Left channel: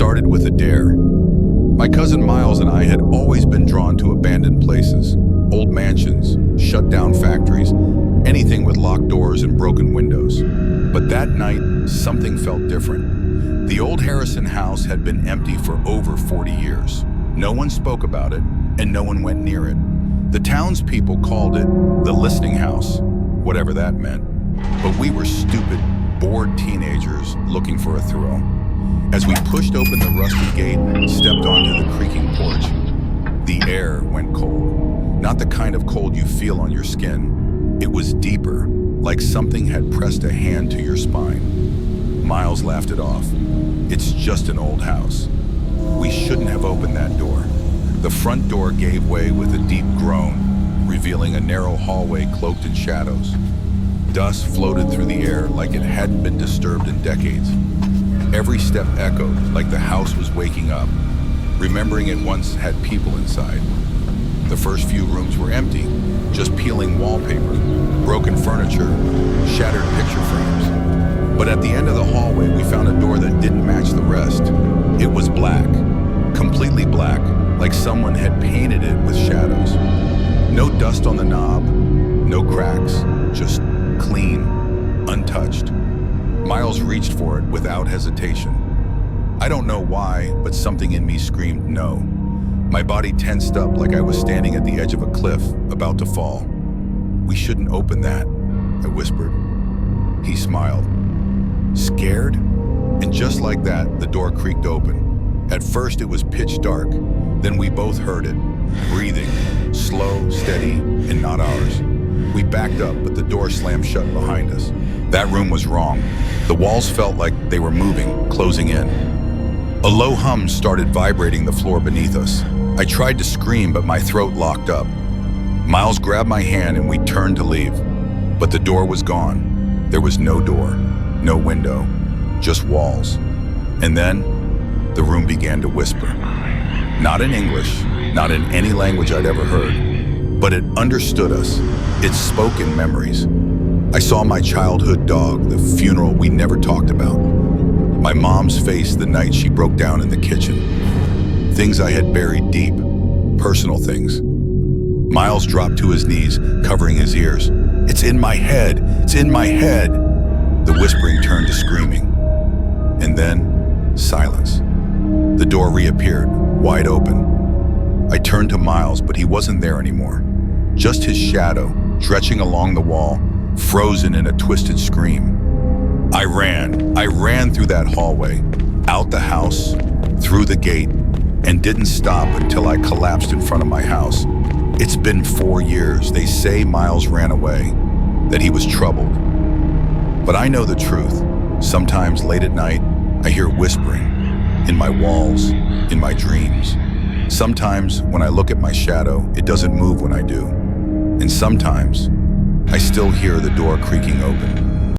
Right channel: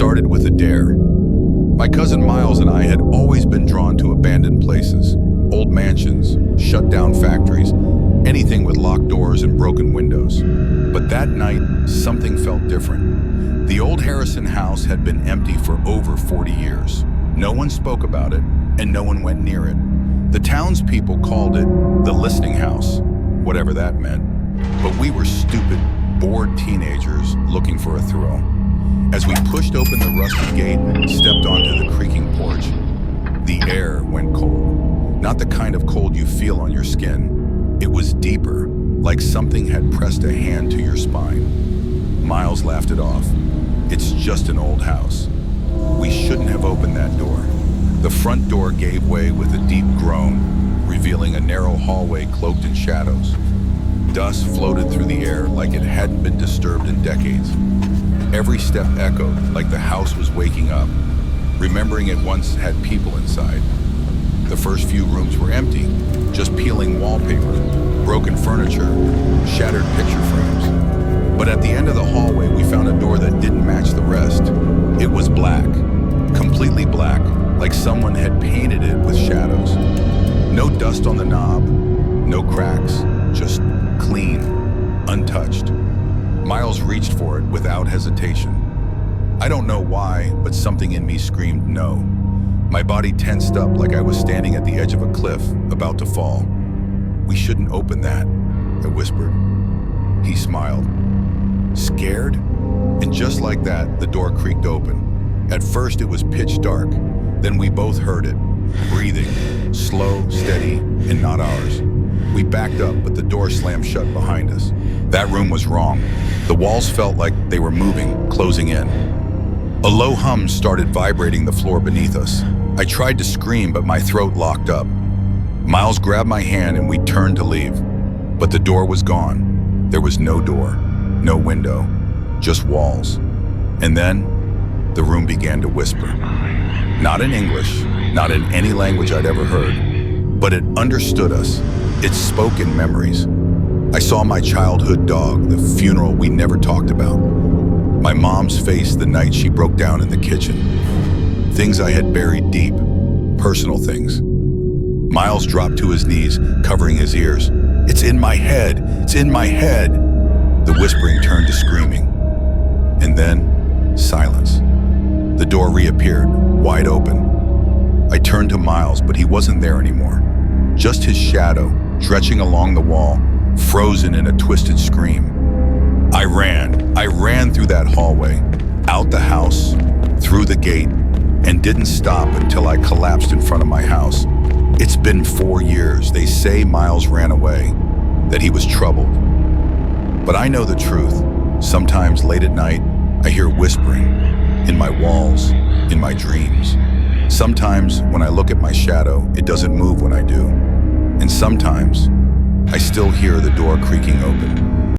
started with a dare. My cousin Miles and I had always been drawn to abandoned places, old mansions, shut-down factories, anything with locked doors and broken windows. But that night, something felt different. The old Harrison house had been empty for over 40 years. No one spoke about it, and no one went near it. The townspeople called it the listening house, whatever that meant. But we were stupid, bored teenagers looking for a thrill. As we pushed open the rusty gate and stepped onto the creaking porch, the air went cold. Not the kind of cold you feel on your skin. It was deeper, like something had pressed a hand to your spine. Miles laughed it off. It's just an old house. We shouldn't have opened that door. The front door gave way with a deep groan, revealing a narrow hallway cloaked in shadows. Dust floated through the air like it hadn't been disturbed in decades. Every step echoed like the house was waking up, remembering it once had people inside. The first few rooms were empty, just peeling wallpaper, broken furniture, shattered picture frames. But at the end of the hallway, we found a door that didn't match the rest. It was black, completely black, like someone had painted it with shadows. No dust on the knob, no cracks, just clean, untouched. Miles reached for it without hesitation. I don't know why, but something in me screamed no. My body tensed up like I was standing at the edge of a cliff, about to fall. "We shouldn't open that," I whispered. He smiled. "Scared?" And just like that, the door creaked open. At first it was pitch dark, then we both heard it, breathing, slow, steady, and not ours. We backed up, but the door slammed shut behind us. That room was wrong. The walls felt like they were moving, closing in. A low hum started vibrating the floor beneath us. I tried to scream, but my throat locked up. Miles grabbed my hand and we turned to leave. But the door was gone. There was no door, no window, just walls. And then, the room began to whisper. Not in English, not in any language I'd ever heard, but it understood us. It spoke in memories. I saw my childhood dog, the funeral we never talked about. My mom's face the night she broke down in the kitchen. Things I had buried deep, personal things. Miles dropped to his knees, covering his ears. "It's in my head, it's in my head." The whispering turned to screaming. And then, silence. The door reappeared, wide open. I turned to Miles, but he wasn't there anymore. Just his shadow, stretching along the wall, frozen in a twisted scream. I ran through that hallway, out the house, through the gate, and didn't stop until I collapsed in front of my house. It's been 4 years. They say Miles ran away, that he was troubled. But I know the truth. Sometimes late at night, I hear whispering, in my walls, in my dreams. Sometimes when I look at my shadow, it doesn't move when I do. And sometimes, I still hear the door creaking open.